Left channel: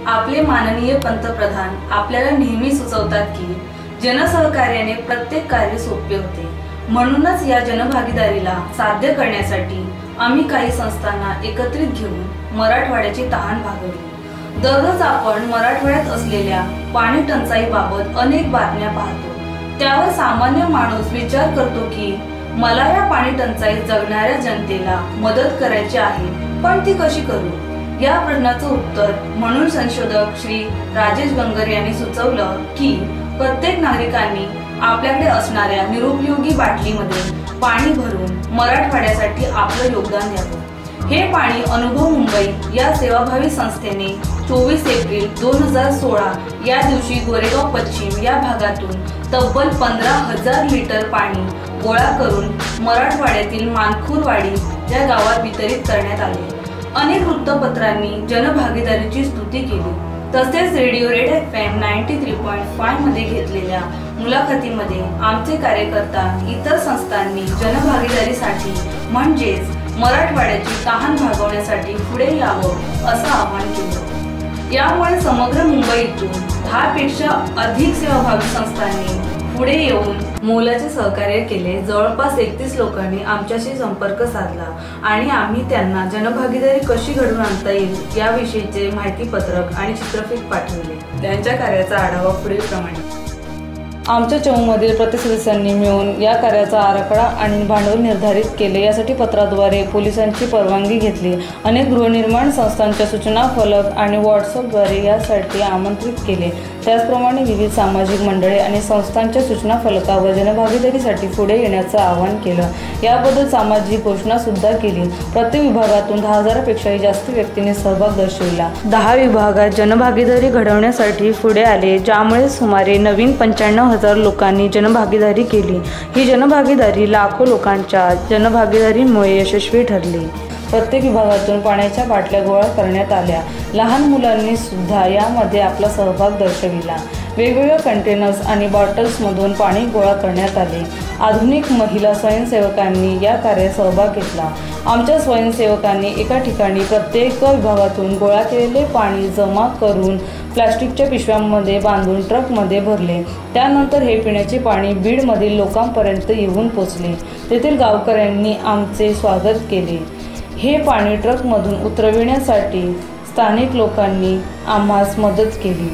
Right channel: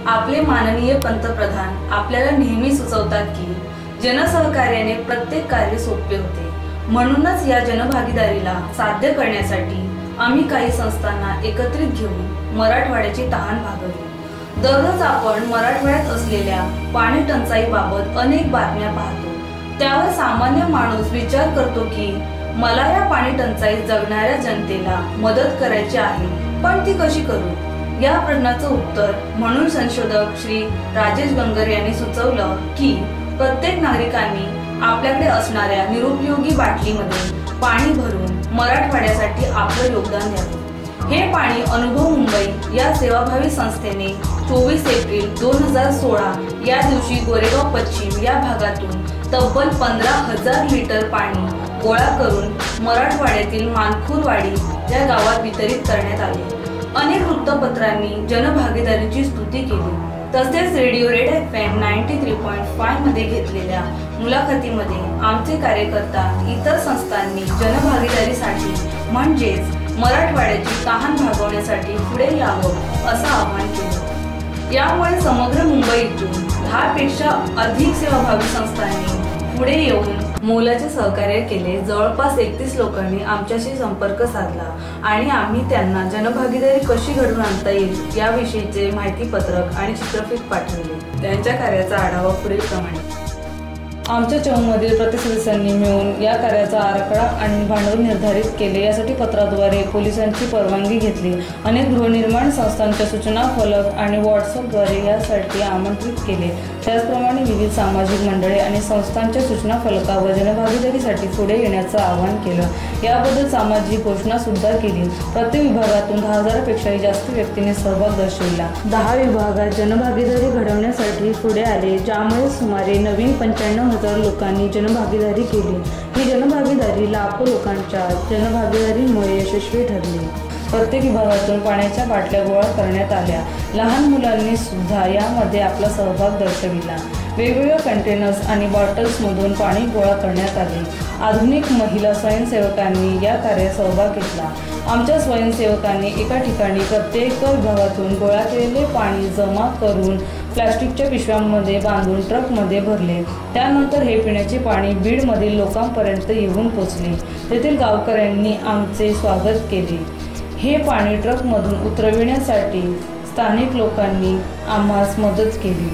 आपले माननीय पंतप्रधान आपल्याला नेहमी सुचवतात की जनसहकार्याने प्रत्येक कार्य सोपे होते। म्हणूनच या जनभागीदारीला साध्य करण्यासाठी आम्ही काही संस्थांना एकत्रित घेऊन मराठवाड्याची तहान भागवली। दररोज आपण मराठवाड्यात असलेल्या पाणी टंचाईबाबत अनेक बातम्या पाहतो। त्यावर सामान्य माणूस विचार करतो की मला या पाणी टंचाईत जगणाऱ्या जनतेला मदत करायची आहे, पण ती कशी करू? या प्रश्नाचं उत्तर म्हणून संशोधक श्री राजेश गंगर यांनी सुचवलं की प्रत्येक नागरिकांनी आपल्याकडे असणाऱ्या निरुपयोगी बाटलीमध्ये पाणी भरून मराठवाड्यासाठी आपलं योगदान द्यावं। हे पाणी अनुभव मुंबई या सेवाभावी संस्थेने 24 एप्रिल 2016 या दिवशी गोरेगाव पश्चिम या भागातून तब्बल 15,000 लिटर पाणी गोळा करून मराठवाड्यातील मानखुरवाडी या गावात वितरित करण्यात आले। अनेक वृत्तपत्रांनी जनभागीदारीची स्तुती केली। तसेच रेडिओ रेड FM 93.5 मध्ये घेतलेल्या मुलाखतीमध्ये आमचे कार्यकर्ता इतर संस्थांनी जनभागीदारीसाठी म्हणजेच मराठवाड्याची तहान भागवण्यासाठी पुढे यावं असं आवाहन केलं। यामुळे समग्र मुंबईतून 10 पेक्षा अधिक सेवाभावी संस्थांनी पुढे येऊन मोलाचे सहकार्य केले। जवळपास 31 लोकांनी आमच्याशी संपर्क साधला आणि आम्ही त्यांना जनभागीदारी कशी घडवून आणता येईल याविषयीचे माहितीपत्रक आणि चित्रफित पाठवले। त्यांच्या कार्याचा आढावा पुढीलप्रमाणे। आमच्या चमूमधील प्रत्येक सदस्यांनी मिळून या कार्याचा आराखडा आणि भांडवल निर्धारित केले। यासाठी पत्राद्वारे पोलिसांची परवानगी घेतली। अनेक गृहनिर्माण संस्थांच्या सूचना फलक आणि व्हॉट्सअपद्वारे यासाठी आमंत्रित केले। त्याचप्रमाणे विविध सामाजिक मंडळे आणि संस्थांच्या सूचना फलकावर जनभागीदारीसाठी पुढे येण्याचं आवाहन केलं। याबद्दल सामाजिक घोषणा सुद्धा केली। प्रत्येक विभागातून 10,000पेक्षाही जास्त व्यक्तींनी सहभाग दर्शविला। 10 विभागात जनभागीदारी घडवण्यासाठी पुढे आले, ज्यामुळे सुमारे नवीन 95,000 लोकांनी जनभागीदारी केली। ही जनभागीदारी लाखो लोकांच्या जनभागीदारीमुळे यशस्वी ठरली। प्रत्येक विभागातून पाण्याच्या बाटल्या गोळा करण्यात आल्या। लहान मुलांनी सुद्धा यामध्ये आपला सहभाग दर्शविला। वेगवेगळ्या कंटेनर्स आणि बॉटल्समधून पाणी गोळा करण्यात आले। आधुनिक महिला स्वयंसेवकांनी या कार्यात सहभाग घेतला। आमच्या स्वयंसेवकांनी एका ठिकाणी प्रत्येक विभागातून गोळा केलेले पाणी जमा करून प्लास्टिकच्या पिशव्यांमध्ये बांधून ट्रकमध्ये भरले। त्यानंतर हे पिण्याचे पाणी बीडमधील लोकांपर्यंत येऊन पोचले। तेथील गावकऱ्यांनी आमचे स्वागत केले। हे पाणी ट्रकमधून उतरविण्यासाठी स्थानिक लोकांनी आम्हास मदत केली।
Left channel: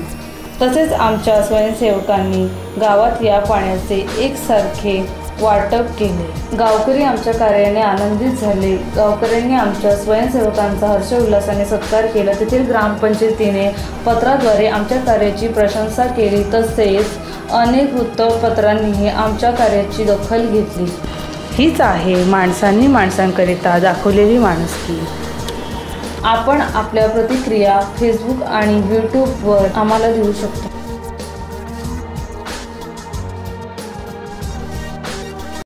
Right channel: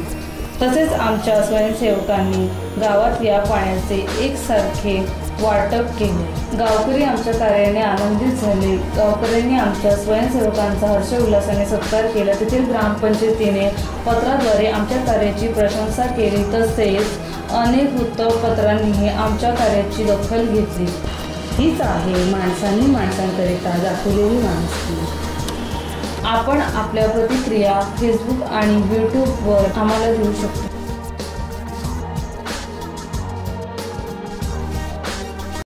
तसेच आमच्या स्वयंसेवकांनी गावात या पाण्याचे एकसारखे वाटप केले। गावकरी आमच्या कार्याने आनंदित झाले। गावकऱ्यांनी आमच्या स्वयंसेवकांचा हर्षोल्लासाने सत्कार केला। तेथील ग्रामपंचायतीने पत्राद्वारे आमच्या कार्याची प्रशंसा केली। तसेच अनेक वृत्तपत्रांनीही आमच्या कार्याची दखल घेतली। हीच आहे माणसांनी माणसांकरिता दाखवलेली माणुसकी। आपण आपल्या प्रतिक्रिया फेसबुक आणि यूट्यूबवर आम्हाला देऊ शकता।